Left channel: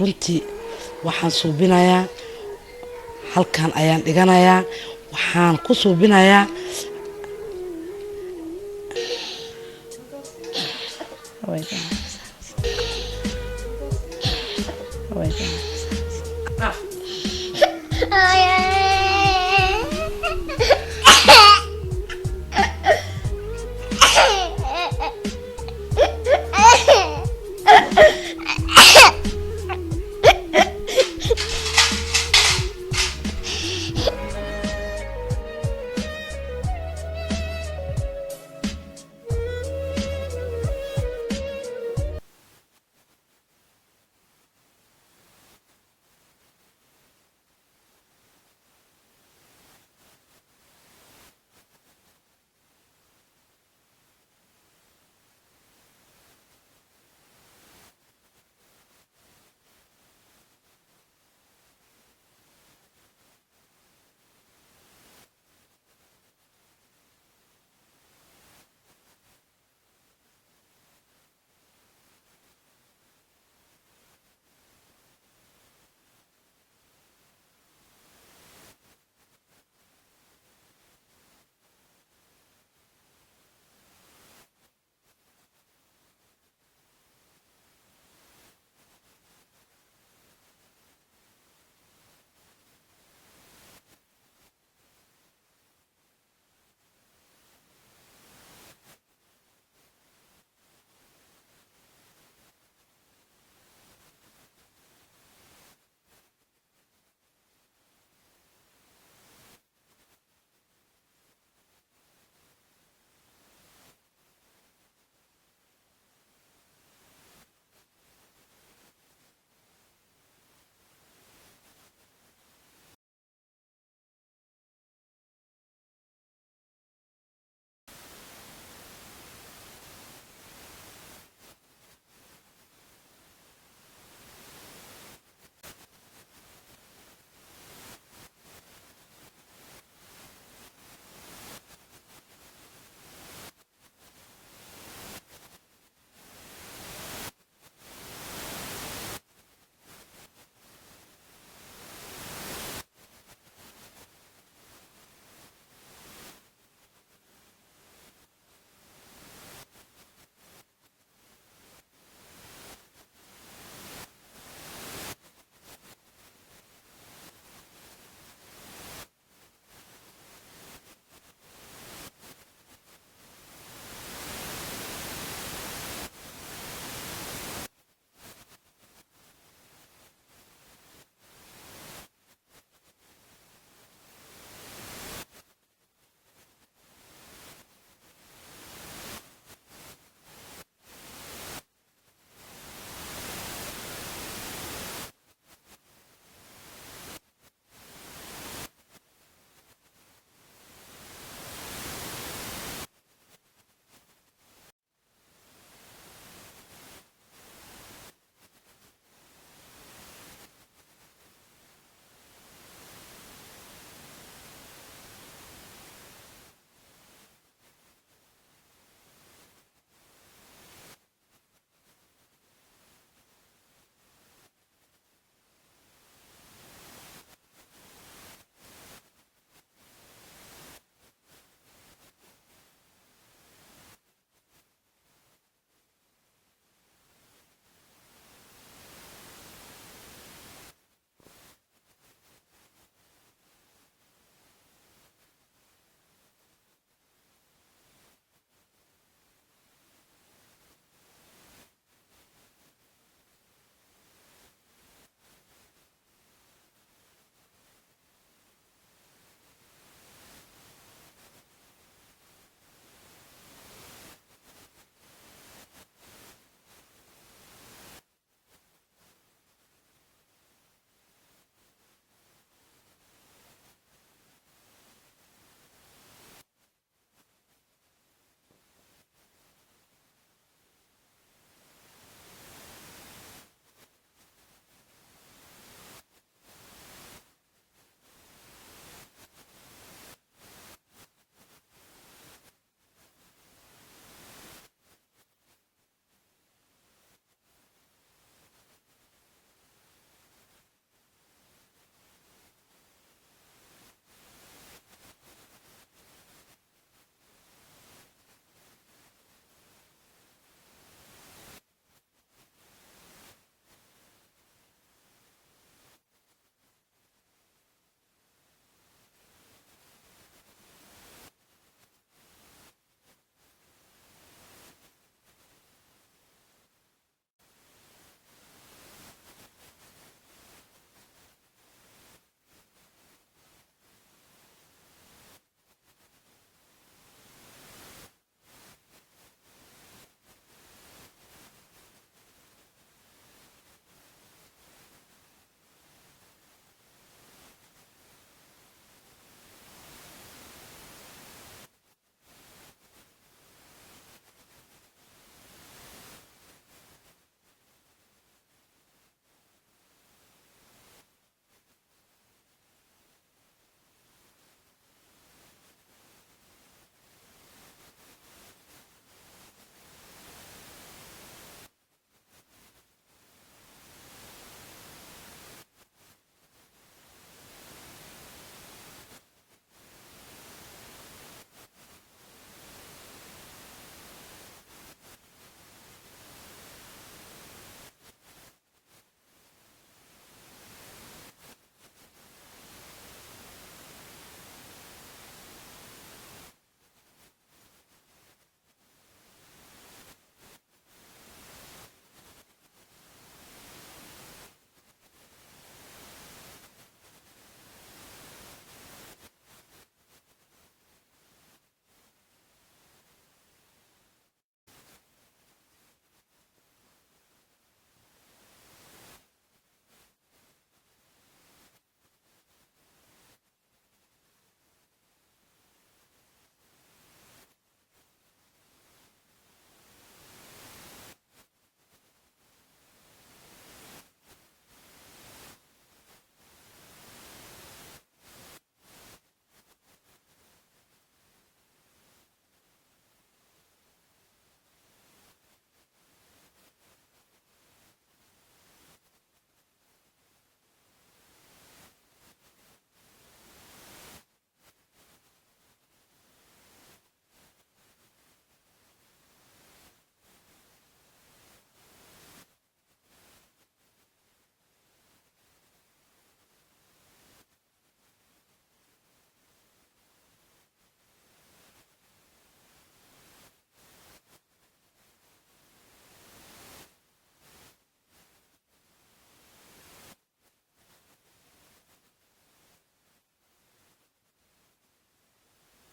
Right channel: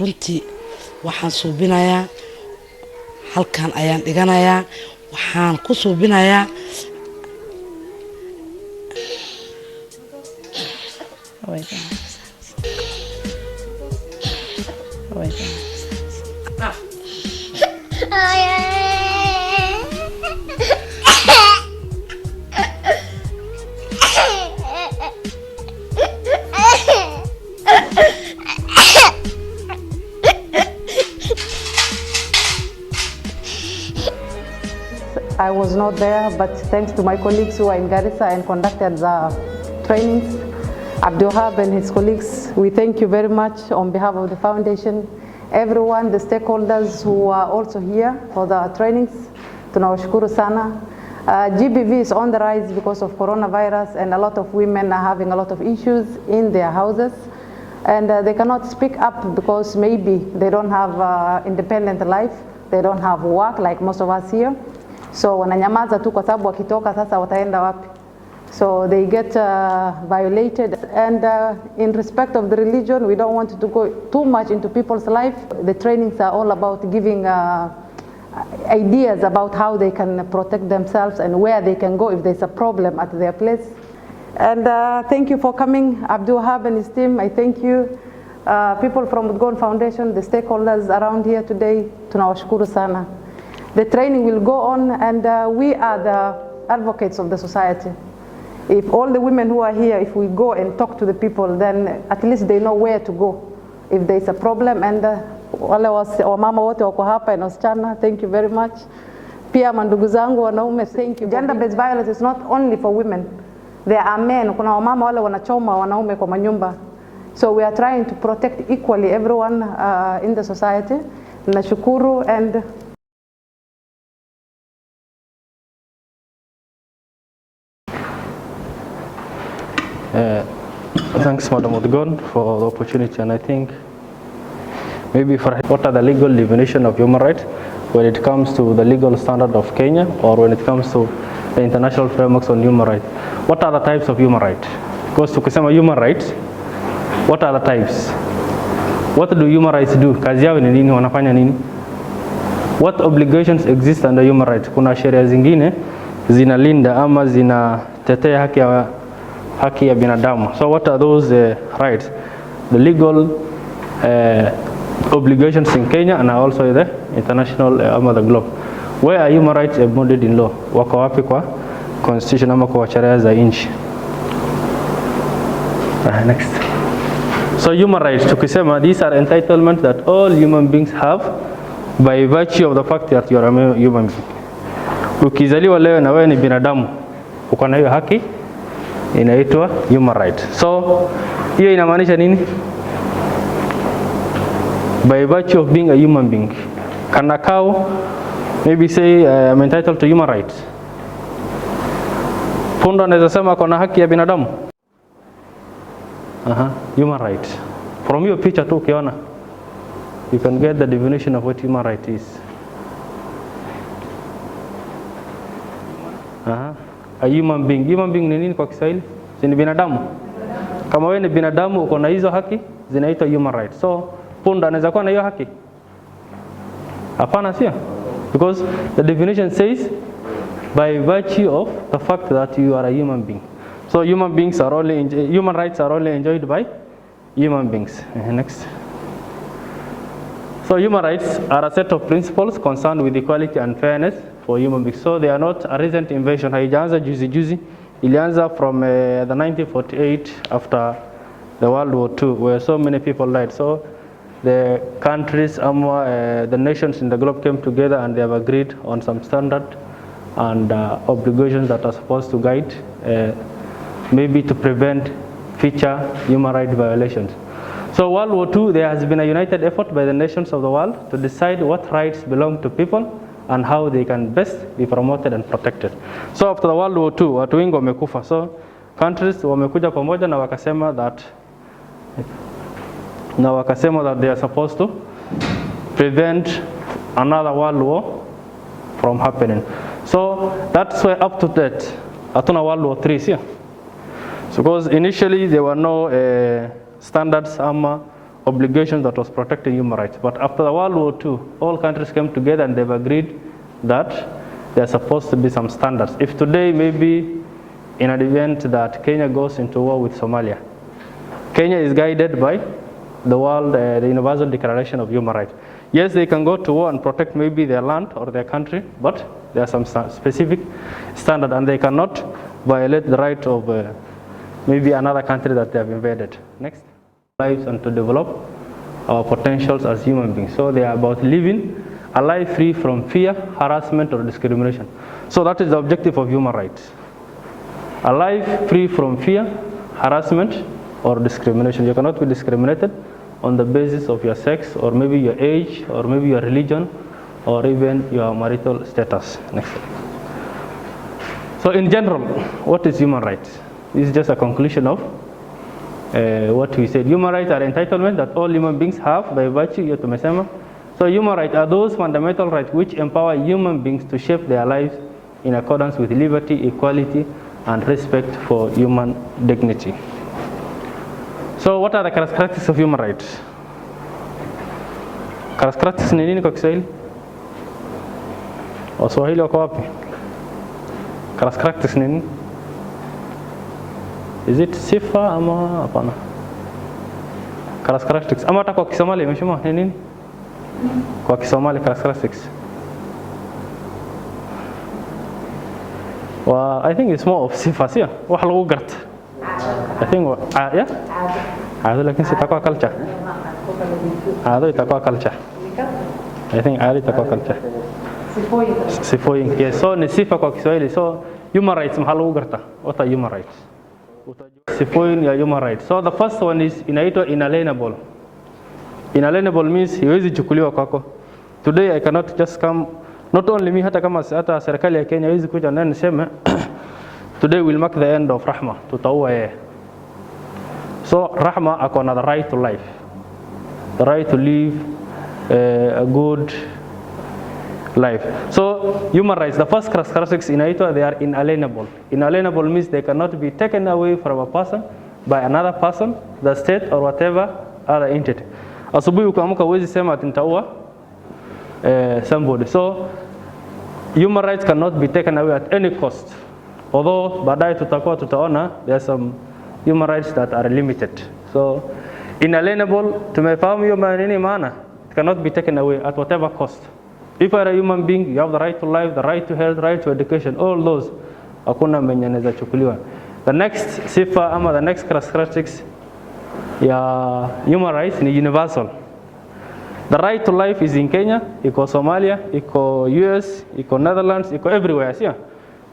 runtii waxaan suubinayaa halkan ayaan dhiganayaa waxaan ku suubinayaa I was not there, but thanks to my colleagues who are in Garissa and conducted the trainings, Abdulhab and his colleagues, we thank you very much on behalf of the foundation. Everyone, the stakeholders who are also here for the trainings, tunawashukuru sana. GBV is on the rise because of coronavirus, and a lot of women are having a lot of issues in their houses, and they cannot speak up because maybe they don't have independent life, they don't have work like most of us here. So wananyamaza tu kwa sababu wakitoka sasa wataenda wapi? So they get violated, and in respect of the religion, we don't want to go too much into people's life. The trainings are all about giving ideas about how they can protect themselves and where they can go if there's a problem at their place. And thank you for coming, Abdulhab and his team. I thank you. People from Udgoon Foundation, the stakeholders around here today, tunawashukuru sana. The training will go on, and we are the advocates of the society. If all the women who are here, if we go and talk to the people, then at least they know where to go if there's a problem. And wale wamama wote wako hapa na wasichana, thank you very much. Pia mandugu zangu wanaume, thank you. Gender-based violence is not only for women. There are men, kuna wamama wale wanachoma wanaume kwa manyumba. So we are trying to protect equally everyone in the society. Nashukuru and thanks, Madam Udgoon, for the opportunity. And I think maybe for what are the legal definition of human rights when it comes to the legal standard of Kenya, or when it comes to the international frameworks on human rights. What are the types of human rights? Because tukisema human rights, what are the types? What do human rights do? Kazi yao ni nini? Wanafanya nini? What obligations exist under human rights? Kuna sheria zingine zinalinda ama zinatetea haki ya binadamu. So what are those rights? The legal obligations in Kenya and also in the international the globe. Where are human rights embodied in law? Wako wapi kwa constitution ama kwa sheria za nchi? Next. So human rights, tukisema, these are entitlements that all human beings have by virtue of the fact that you are a human being. Ukizaliwa leo na wewe ni binadamu, uko na hiyo haki, inaitwa human right. So hiyo inamaanisha nini? By virtue of being a human being, can a cow maybe say I'm entitled to human rights? Punda anaweza sema kuna haki ya binadamu? Human right. From your picture tu ukiona, you can get the definition of what human right is. A human being. Human being ni nini kwa Kiswahili? Ni binadamu. Kama wewe ni binadamu uko na hizo haki, zinaitwa human right. So punda anaweza kuwa na hiyo haki? Hapana, sio? Because the definition says by virtue of the fact that you are a human being. So human rights are only enjoyed by human beings. Next. So human rights are a set of principles concerned with equality and fairness for human beings. So they are not a recent invention. Haijaanza juzi. Ilianza from the 1948 after the World War II, where so many people died. So the countries, the nations in the globe came together and they have agreed on some standard and obligations that are supposed to guide, maybe to prevent future human rights violations. So World War II, there has been a united effort by the nations of the world to decide what rights belong to people and how they can best be promoted and protected. So after the World War II, watu wengi wamekufa. So countries wamekuja pamoja na wakasema that they are supposed to prevent another world war from happening. So that's why up to date, hatuna World War III here. So because initially there were no standards obligation that was protecting human rights. But after the World War II, all countries came together and they've agreed that there are supposed to be some standards. If today maybe in an event that Kenya goes into war with Somalia, Kenya is guided by the Universal Declaration of Human Rights. Yes, they can go to war and protect maybe their land or their country, but there are some specific standards and they cannot violate the right of maybe another country that they have invaded. Next. Lives and to develop our potentials as human beings. So they are about living a life free from fear, harassment, or discrimination. So that is the objective of human rights. A life free from fear, harassment, or discrimination. You cannot be discriminated on the basis of your sex, or maybe your age, or maybe your religion, or even your marital status. Next. So in general, what is human rights? This is just a conclusion of what we said. Human rights are entitlements that all human beings have by virtue of tumesema. So human rights are those fundamental rights which empower human beings to shape their lives in accordance with liberty, equality, and respect for human dignity. So what are the characteristics of human rights? Characteristics ni nini kwa Kiswahili? Waswahili wako wapi? Characteristics ni nini? Is it sifa ama hapana? Characteristics. Ama hata kwa Kisomali imesema ni nini? Kwa Kisomali characteristics. Well, I think it's more of sifa, siya. Wax lagu garta. I think yeah. Caado laakiin si takwa culture. Caado takwa culture. I think caado takwa culture. Sifooyin. Yes, so ni sifa kwa Kiswahili. So human rights maxaa lagu garta? What are human rights? Sifooyin ya human rights. So the first one is inaitwa inalienable. Inalienable means haiwezi chukuliwa kwako. Today I cannot just come, not only me, hata kama hata serikali ya Kenya haiwezi kuja na niseme today will mark the end of Rahma, tutaua yeye. So Rahma ako na the right to life, the right to live a good life. So human rights, the first characteristics inaitwa they are inalienable. Inalienable means they cannot be taken away from a person by another person, the state, or whatever other entity. Asubuhi ukiamka huwezi sema ati nitaua somebody. So human rights cannot be taken away at any cost. Although baadaye tutaona there are some human rights that are limited. So inalienable, tumefahamu hiyo nini maana? It cannot be taken away at whatever cost. If you are a human being, you have the right to life, the right to health, the right to education, all those hakuna mwenye anaweza chukuliwa. The next sifa ama the next characteristics ya human rights ni universal. The right to life is in Kenya, iko Somalia, iko US, iko Netherlands, iko everywhere.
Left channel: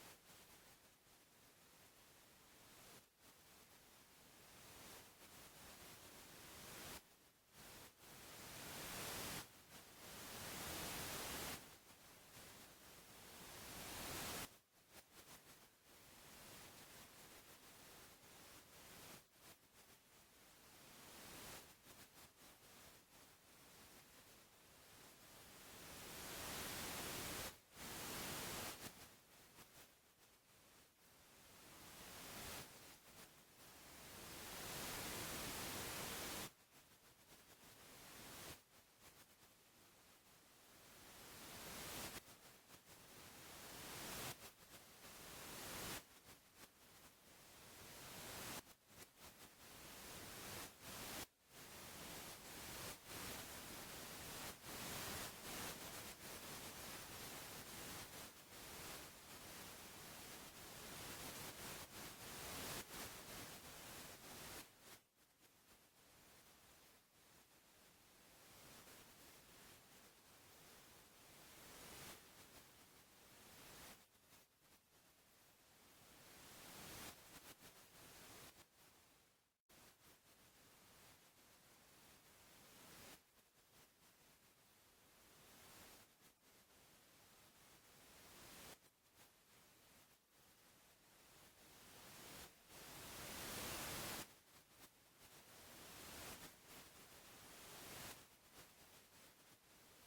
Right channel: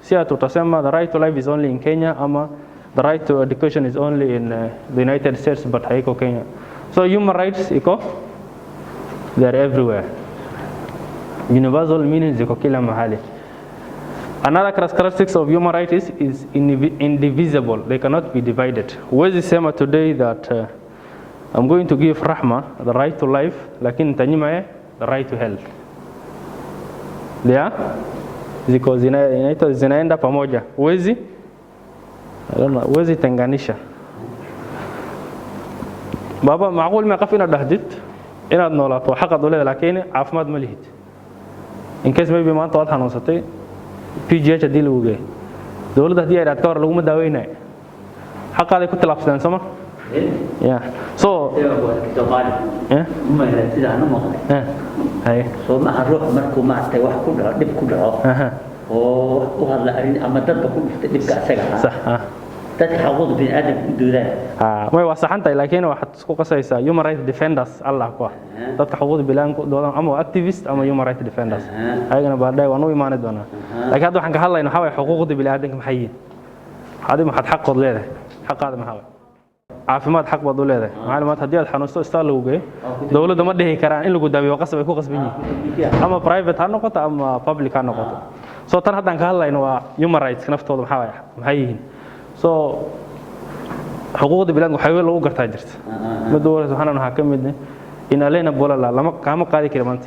Sia tutasema the right to life is only in Kenya ama the right to education is only in the United States but haiko Kenya. So human rights iko, they are everywhere. Universal meaning ziko kila mahali. Another characteristics of human rights is indivisible. They cannot be divided. Huwezi sema today that I'm going to give Rahma the right to life, lakini nitanyima the right to health. Ziko zinaenda pamoja. Huwezi tenganisha. Baba macquul ma qaf inaad dhahdid inaad noolaato xaqad u leedahay laakiin caafimaad ma lihid. In case maybe maanta waad xanuunsatay PGH hadii lagu geeyo dawladda hadii ay raad ka hor laguma daaweynayo xaqaaday ku talaabsadeen sama. Yeah. So so ma ruux markuu maartay wax ku dhaco dib ku dhaco oo u hadla arin ama dadba ku dhiftay dibka asaga ah dadka xaquuqda bini'aadamka u doodaan way wasaxantay laakiin waxaad isku qasaysaa human rights defenders Allah ku dadka xaquuqda bini'aadamka u doodaan ama activist ama human rights defenders ayagana baadhay waan u iimaanay doonaa laakiin hadda waxaan ka hadlaynaa waxa way xuquuqda bini'aadamka maxay yihiin hadii maxad xaqood leedahay xaqaada maxaa caafimaad xaq baad u leedahay macluumaad hadii aad xanuusto istaal lagu geeyo dawladda ma dhihi karaan in lagu daabiyo qasab ay ku qasban yihiin ama private ha noqoto ama public ha noqoto. So tan haddaan ka hadlayno waa human rights naftooda maxay yihiin. So xuquuqda bini'aadamka waxay lagu gartaa jirta mid dawladda waxaan ka mid inalienable lama kaama qaadi karo maanta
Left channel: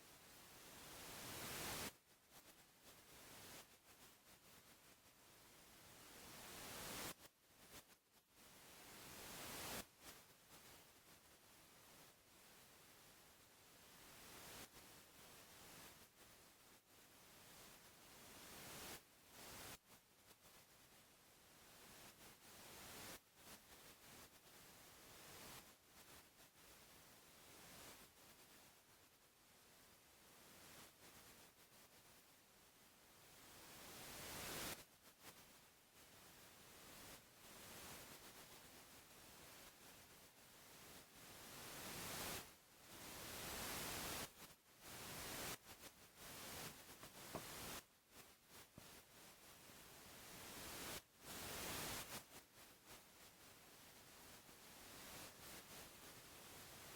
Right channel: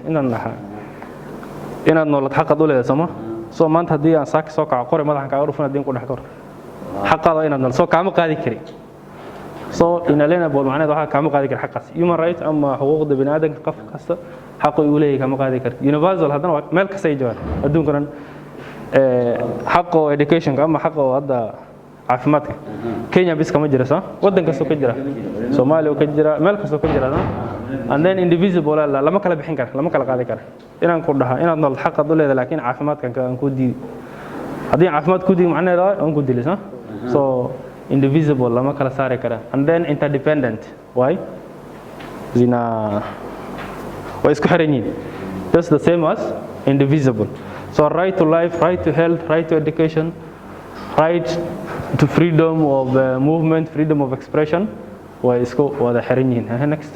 inaad noolad xaqad u leedahay sama. So maanta hadii aan saaki soo kaco qore madaxan ka urufan hadii ku dhax kor xaqada inaad nool soo kaama qaadi kari so inalienable macnaheedu waxa kama qaadi kar xaqaas human right ama xuquuqda bini'aadamka qof kasta xaq uu leeyahay kama qaadi kar universal hadana meel kasta ay joogaan adduunkan xaqo education ama xaqo hadda caafimaadka Kenya bis kama jira soo wadan kasta ka jira Soomaaliya ka jira meel kasta ka jira and then indivisible lama kala bixin karo lama kala qaadi karo inaan ku dhaha inaad nool xaq u leedahay laakiin caafimaadkan aan ku diiday hadii caafimaad ku diiday macnaheedu aan ku dilisay so indivisible lama kala saari kara and then interdependent why zina way isku xiran yihiin just the same as indivisible so right to life right to health right to education right to freedom of movement freedom of expression way isku wada xiran yihiin next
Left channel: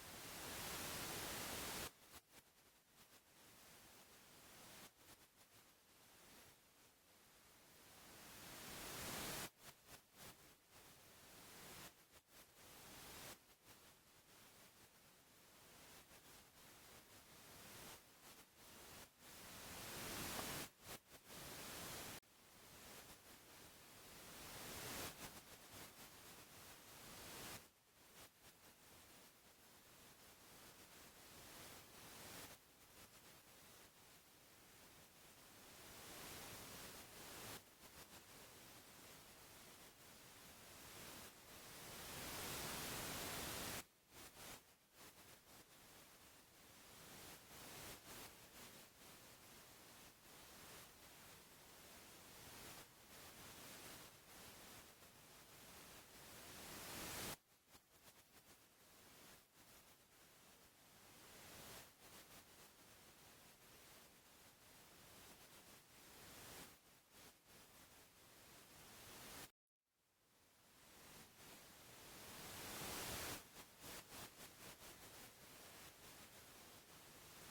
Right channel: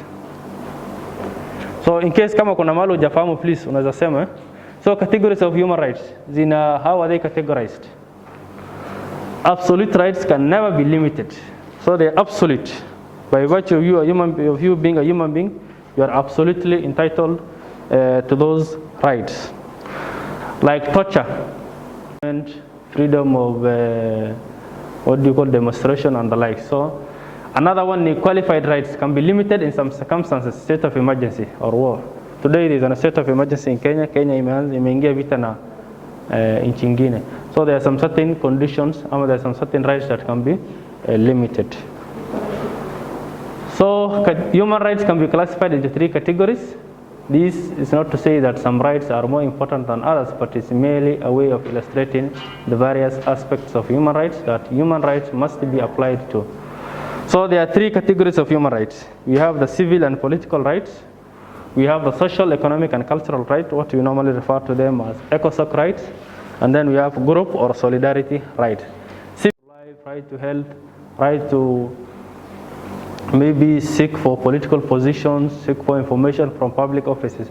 so in case kama kuna malo jafamu please unaweza sema so categories of human rights zina how are they categorized absolute rights can never be limited so they are absolute by virtue of you being a human being you are absolutely entitled to those rights like torture and freedom of what do you call demonstration and the like so another one qualified rights can be limited in some circumstances state of emergency or war today there is a state of emergency in Kenya imeingia vita na nchi nyingine so there are some certain conditions or there are some certain rights that can be limited so human rights can be classified into three categories this is not to say that some rights are more important than others but it's merely a way of illustrating the various aspects of human rights that human rights must be applied to so there are three categories of human rights we have the civil and political rights we have the social, economic and cultural rights, what we normally refer to them as ecosoc rights, and then we have group or solidarity rights. Civil life, right to health, right to maybe seek for political positions, seek for information from public offices.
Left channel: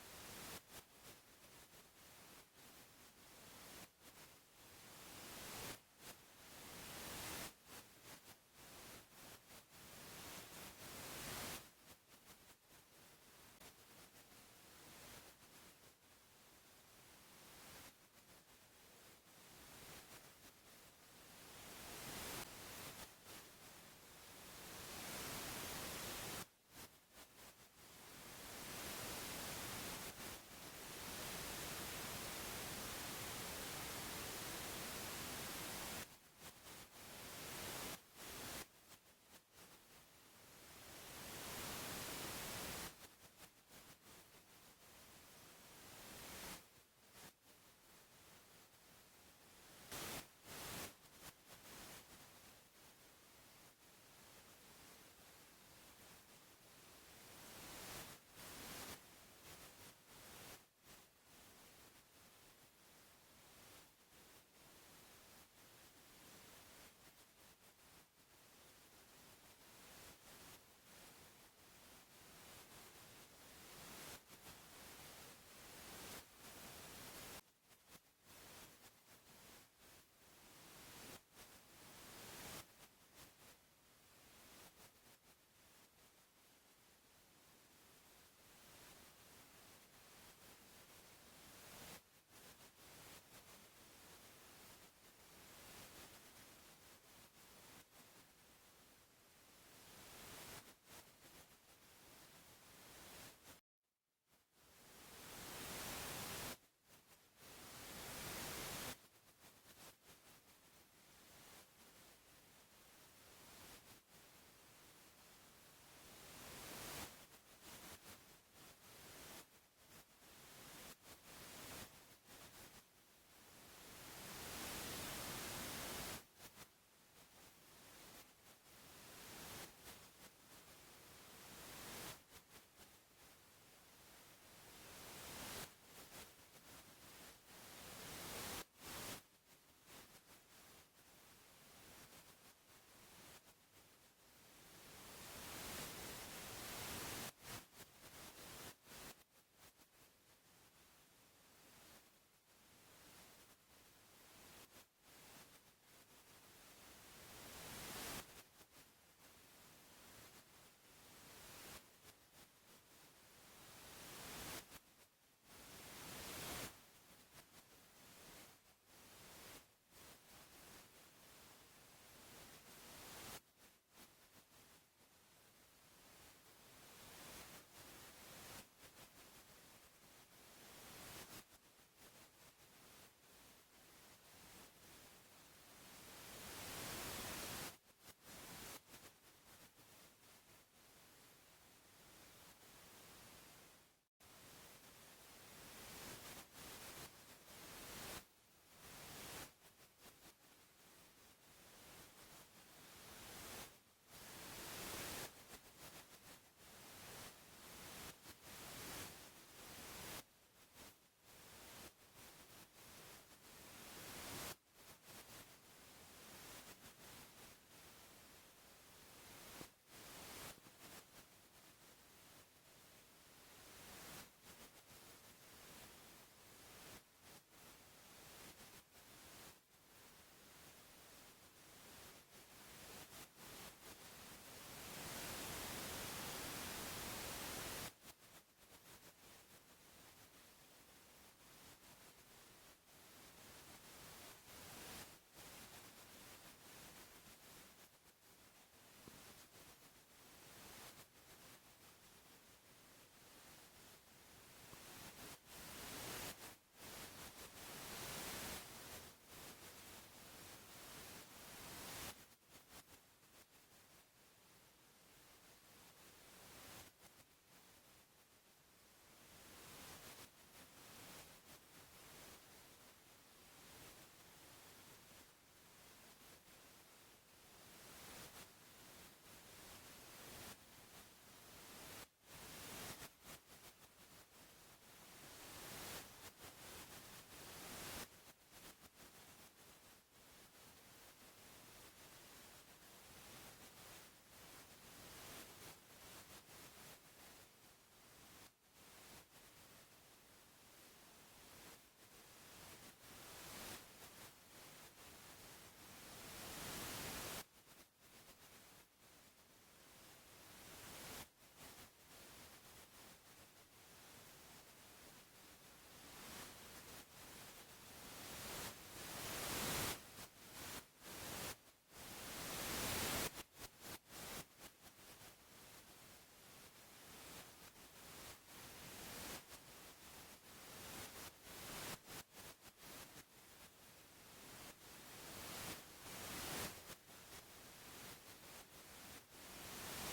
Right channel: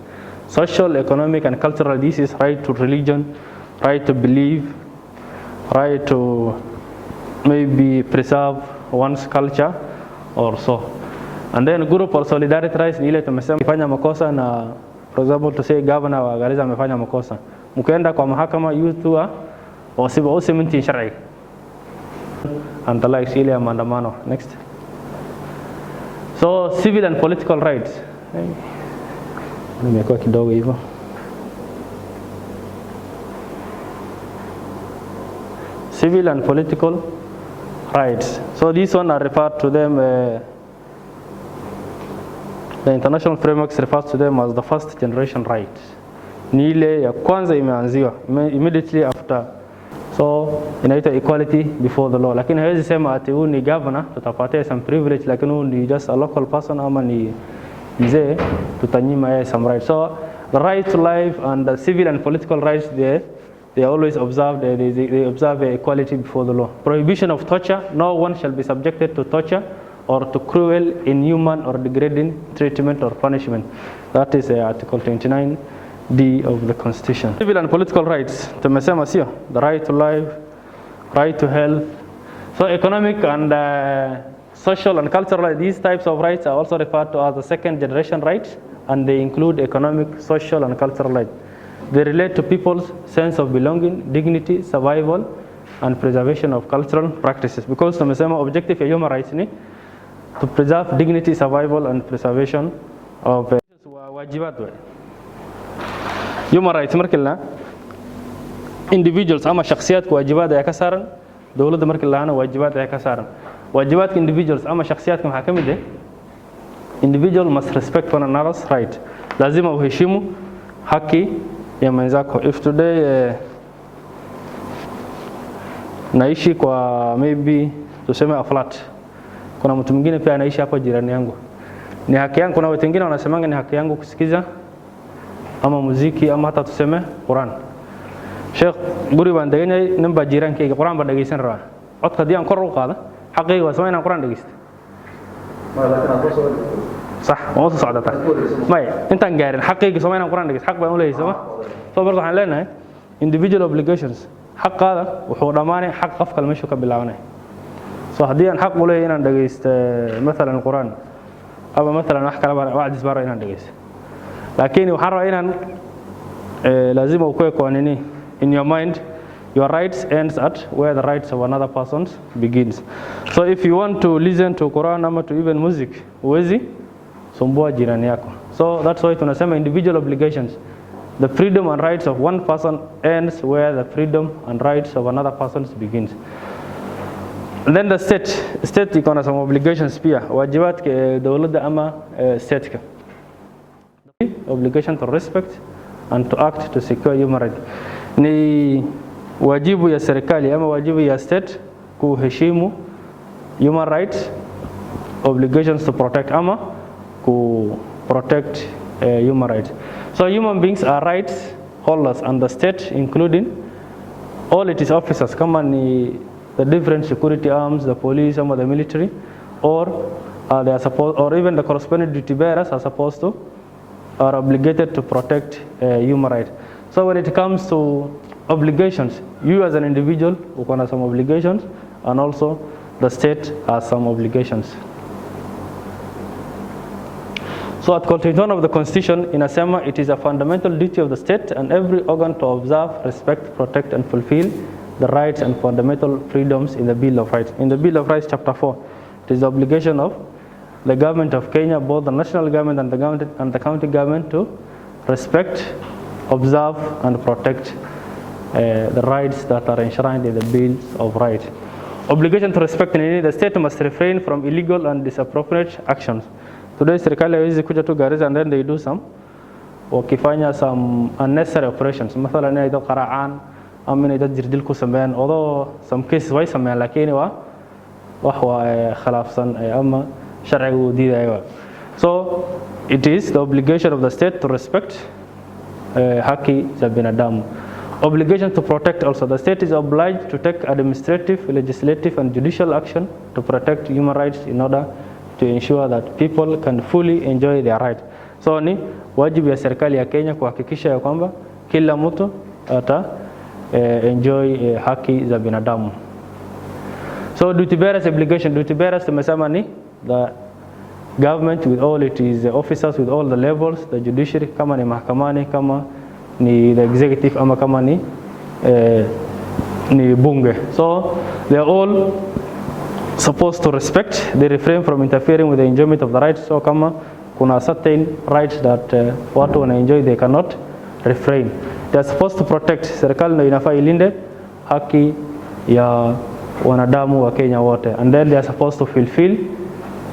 Social, economic and cultural, this is right to religion, right to believe, right to maybe preserve one's culture or so. And then group or solidarity rights ni ile tumesema ifanya makosa na for example to say governor wa Garissa amefanya makosa mkaenda kwa mahakama you tu wasibu usimenti shar'i and the like ile ya maandamano next so civil and political rights nimekuwa kidogo hivyo civil and political rights so this one are referred to them the international frameworks refers to them as the first generation rights ni ile ya kwanza imeanziwa immediately after so inaitwa equality before the law lakini hawezi sema ati huyu ni governor tutapatia some privilege lakini huyu ni just a local person ama ni mzee tutanyima yeye some rights so the right to life and the civil and political rights they always observe they observe equality before the law prohibition of torture no one shall be subjected to torture or to cruel, inhuman or degrading treatment or punishment. That is Article 29D of the Constitution. Civil and political rights, tumesema sio, the right to life, right to health. So economic and social and cultural, these types of rights are also referred to as the second generation rights and they include economic, social and cultural rights. They relate to people's sense of belonging, dignity, survival and preservation of cultural practices because tumesema objective ya human rights ni to preserve dignity, survival and preservation of wajibat human rights markila individuals ama shakhsiyadka wajibaad ay ka saaran dawladda markii laana wajibaad ay ka saaran wajibaadka individuals ama shakhsiyadka waxa kamid ah individual must respect one another's right lazima uheshimu haki ya mwenzako if today naishi kwa maybe tuseme a flat kuna mtu mwingine pia anaishi hapo jirani yangu ni haki yangu kuna watu wengine wanasemanga ni haki yangu kusikiza ama muziki ama hata tuseme Qur'an Sheikh guri baan deganay ninba jirankayga Qur'an ba dhageysan rabaa codka diyan kor u qaada xaqayga waa sameeyaan Qur'an dhageysta صح ما وصل صعدة ما أنت عارف حقيقي سمعنا القرآن ده حق بقول إيه سما فبرضه حنلاقينا individual obligations حق هذا وحرمانه حق قفك المشي كبلاونه صح دي حق ولا هنا دقيست مثلا القرآن أو مثلا أحكي واحد سبارة هنا دقيست لكن وحرة هنا لازم أكون قوانيني in your mind your rights ends at where the rights of another person begins. So if you want to listen to Quran ama to even music, huwezi sumbua jirani yako. So that's why tunasema individual obligations. The freedom and rights of one person ends where the freedom and rights of another person begins. And then the state iko na some obligations pia, wajibaadka dawladda ama state-ka. Obligation to respect and to act to secure human rights. Ni wajibu ya serikali ama wajibu ya state kuheshimu human rights, obligations to protect ama ku protect human rights. So human beings are rights holders under state, including all its officers, kama ni the different security arms, the police or the military, or they are supposed, or even the corresponding duty bearers are supposed to, are obligated to protect human rights. So when it comes to obligations, you as an individual, you have some obligations, and also the state has some obligations. So at Article 21 of the Constitution, in Asema, it is a fundamental duty of the state and every organ to observe, respect, protect, and fulfill the rights and fundamental freedoms in the Bill of Rights. In the Bill of Rights, Chapter 4, it is the obligation of the government of Kenya, both the national government and the county government, to respect, observe, and protect the rights that are enshrined in the Bill of Rights. Obligation to respect, the state must refrain from illegal and disappropriate actions. Today, serikali haiwezi kuja tu Garissa and then they do wakifanya some unnecessary operations. Mathalan inay dad qaracaan ama inay dad jirdil ku sameeyaan, although some cases way sameeyaan laakiin wax waa khilaafsan ama sharciga uu diidayo. So it is the obligation of the state to respect haki za binadamu. Obligation to protect also. The state is obliged to take administrative, legislative, and judicial action to protect human rights in order to ensure that people can fully enjoy their rights. So ni wajibu ya serikali ya Kenya kuhakikisha ya kwamba kila mtu ata enjoy haki za binadamu. So duty bearers obligation, duty bearers tumesema ni the government with all its officers with all the levels, the judiciary, kama ni mahakamani, kama ni the executive, ama kama ni bunge. So they are all supposed to respect, they refrain from interfering with the enjoyment of the rights. So kama kuna certain rights that watu wana enjoy, they cannot refrain. They are supposed to protect. Serikali ndio inafaa ilinde haki ya wanadamu wa Kenya wote. And then they are supposed to fulfill,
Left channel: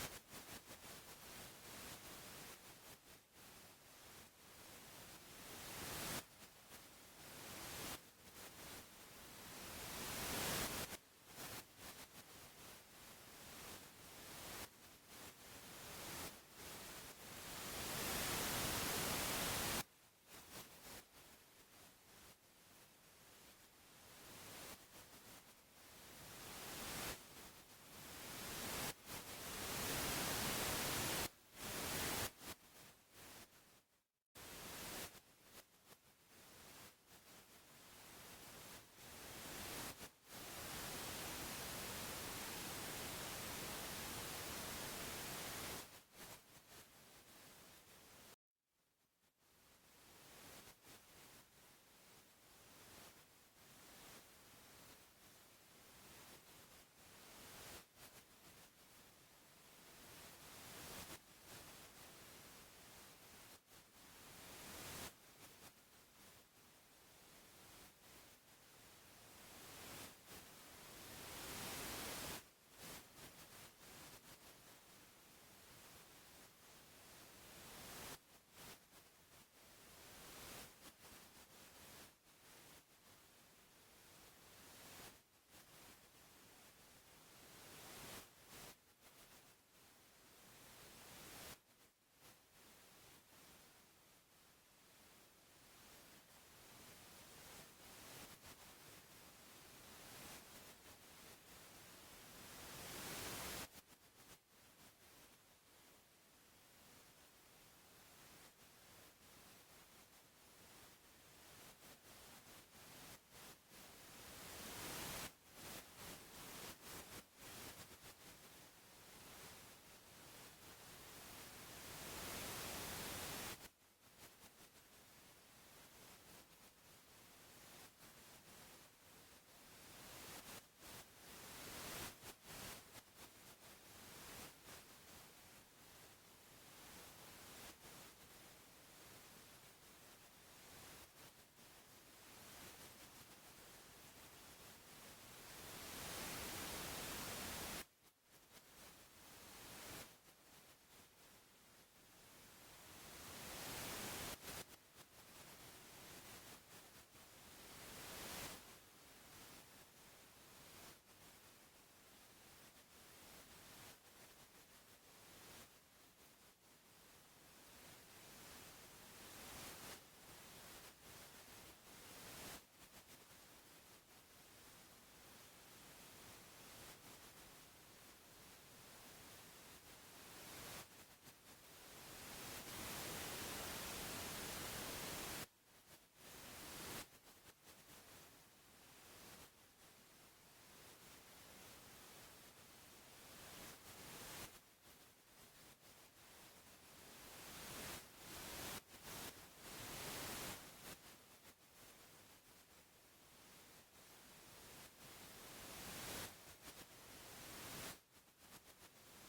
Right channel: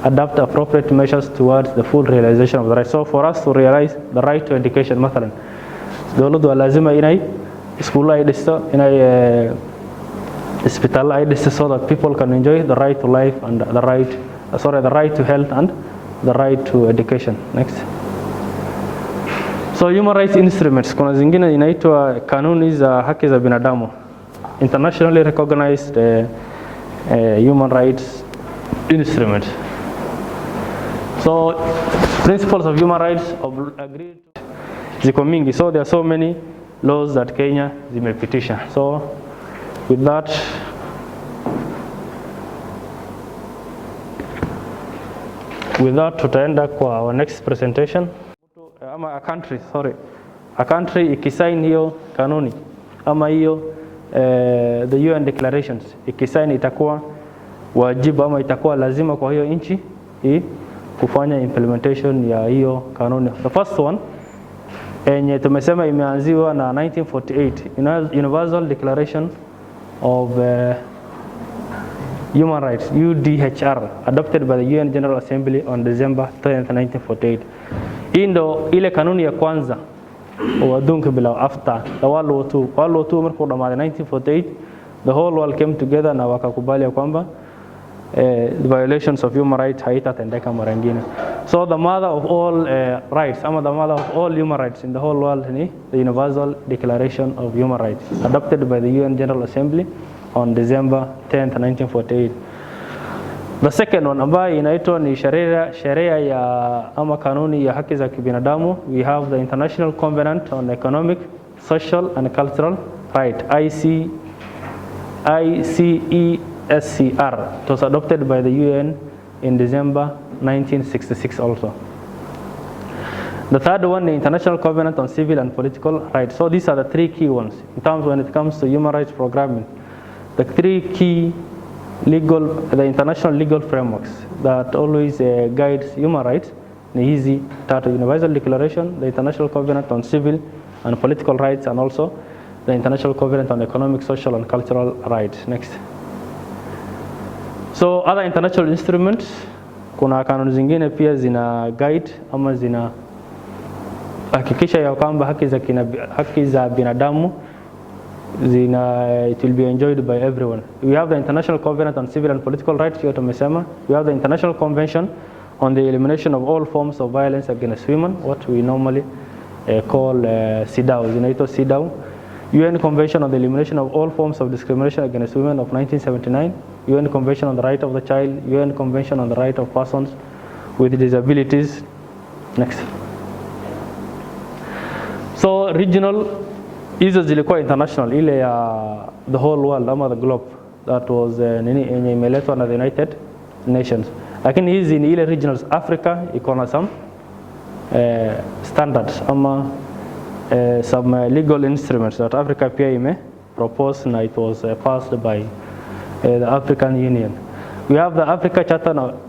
adapt appropriate measures towards the full realization of the right. So for us to realize the right to education, mathalan, dawladdu lazima inay iskuulo ay dhisto, inay hospital ay dhisto, so that people can enjoy the right to life and the right to health and the right to education. Next. So human rights instruments, kuna zingine inaitwa kanuni za haki za binadamu, internationally recognized human rights instrument. So principles of human rights agreed ziko mingi. So there are so many laws that Kenya zimepitisha. So with that, tutaenda kwa our next presentation. Ama a country ikisign hiyo kanuni ama hiyo the UN declarations ikisign, itakuwa wajibu ama itakuwa lazima kwa hiyo nchi kufanya implementation ya hiyo kanuni. The first one yenye tumesema imeanziwa na 1948 Universal Declaration of Human Rights, UDHR, adopted by the UN General Assembly on December 10, 1948. Hii ndo ile kanuni ya kwanza wadunke bila after the World War II. World War II markuu dhamaaday 1948, the whole world came together na wakakubali ya kwamba the violations of human rights haitatendeka mara nyingine. So the mother of all rights, ama the mother of all human rights in the whole world ni the Universal Declaration of Human Rights, adopted by the UN General Assembly on December 10, 1948. The second one ambayo inaitwa ni sheria ya ama kanuni ya haki za kibinadamu. We have the International Covenant on Economic, Social and Cultural Rights, ICESCR. It was adopted by the UN in December 1966 also. The third one, the International Covenant on Civil and Political Rights. So these are the three key ones in terms when it comes to human rights programming. The three key the international legal frameworks that always guides human rights: the easy Universal Declaration, the International Covenant on Civil and Political Rights, and also the International Covenant on Economic, Social, and Cultural Rights. Next. So other international instruments, kuna kanuni zingine pia zina guide ama zina hakikisha ya kwamba haki za binadamu it will be enjoyed by everyone. We have the International Covenant on Civil and Political Rights, we have the International Convention on the Elimination of All Forms of Violence Against Women, what we normally call CEDAW. UN Convention on the Elimination of All Forms of Discrimination Against Women of 1979, UN Convention on the Right of the Child, UN Convention on the Right of Persons with Disabilities. Next. So regional hizo zilikuwa international, ile ya the whole world ama the globe, that was yenye imeletwa na the United Nations. Lakini hizi ni ile regionals. Africa iko na some standards ama some legal instruments that Africa pia ime proposed na it was passed by the African Union. We have the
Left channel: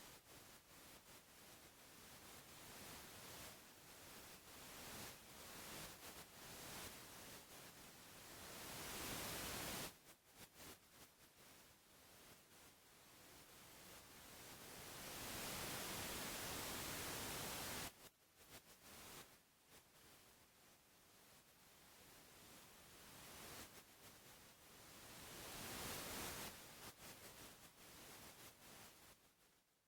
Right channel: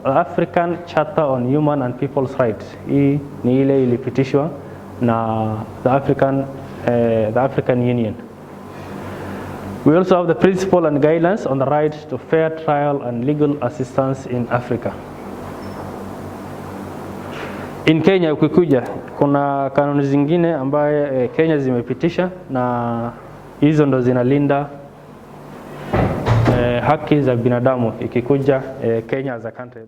African Charter on Human and People's Rights. Hii ni ile ilipitishwa na the African Union. We also have the principle and guidelines on the right to fair trial and legal assistance in Africa. In Kenya ukikuja, kuna kanuni zingine ambaye Kenya zimepitisha na hizo ndo zinalinda haki za binadamu ikikuja Kenya as a country.